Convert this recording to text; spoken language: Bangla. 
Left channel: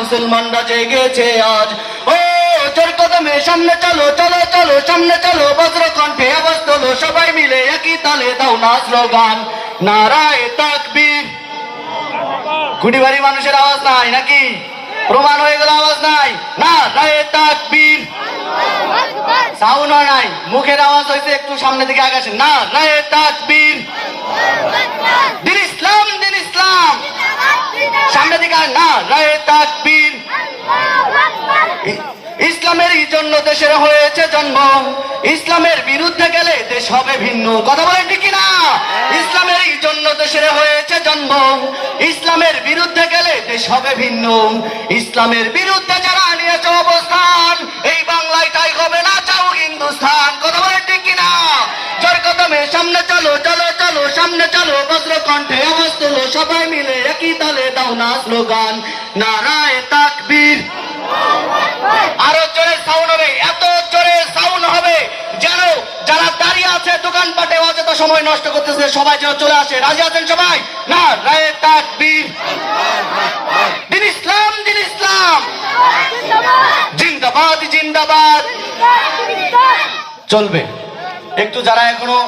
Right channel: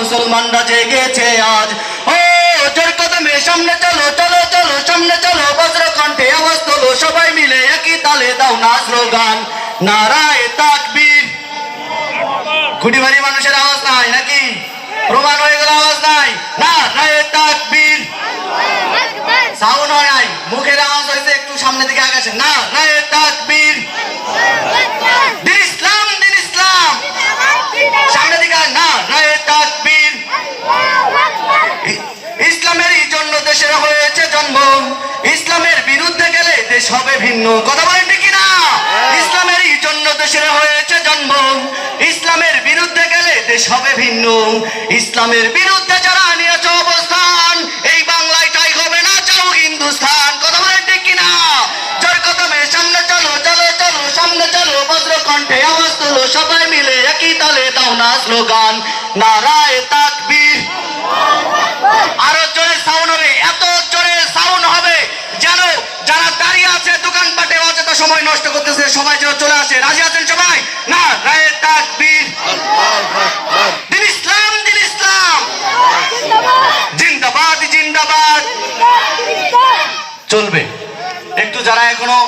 মুসলমানরা জেগেছে আজ। ও জোর কদমে সামনে চলো চলো চলো সামনে চলো, বজ্র কণ্ঠে আওয়াজ তোলো, সবাই মিলে একই তালে দাও না স্লোগান নারায়ে তাকবীর। গুডিবাড়ি মানুষের আওয়াজ নাই নাকি? প্রমাণ হয়ে গেল আওয়াজ নাই। নারায়ে তাকবীর সাউন্ড নাই, মুখের আওয়াজ হয়েছে একটু সামনে দিকে আগাছেন। নারায়ে তাকবীর দিন ইসলাম দিন ইসলাম সামনে দিকে নারায়ে তাকবীর। ইসলামেরই জন্য দেশের হয়েছে জন্ম, ইসলামের বিরুদ্ধে গেলে দেশ হবে ভিন্ন। কথা বলেন ঠিক কিনা? ইসলামেরই জন্য দেশের হয়েছে জন্ম, ইসলামের বিরুদ্ধে গেলে দেশ হবে ভিন্ন। ইসলামের বিরুদ্ধে যারা নিয়েছে অবস্থান, এই বাংলায় তাই হবে না, চাও হিন্দুস্তান। কথা বলেন ঠিক কিনা? জোর কদমে সামনে চলো চলো চলো সামনে চলো, বজ্র কণ্ঠে আওয়াজ তোলো, সবাই মিলে একই তালে দাও না স্লোগান নারায়ে তাকবীর। আরো জোরে সাউন্ড হবে, এত জোরে সাউন্ড হবে যেন যারা দাঁড়িয়ে আছে দোকানপাটে অযথা সময় নষ্ট করতেছে সবাই যেন চলে আসে। রাজি আছেন সবাই? নারায়ে তাকবীর দিন ইসলাম দিন ইসলাম জিন্দাবাদ জিন্দাবাদ। চলবে একটু, যারা এখনো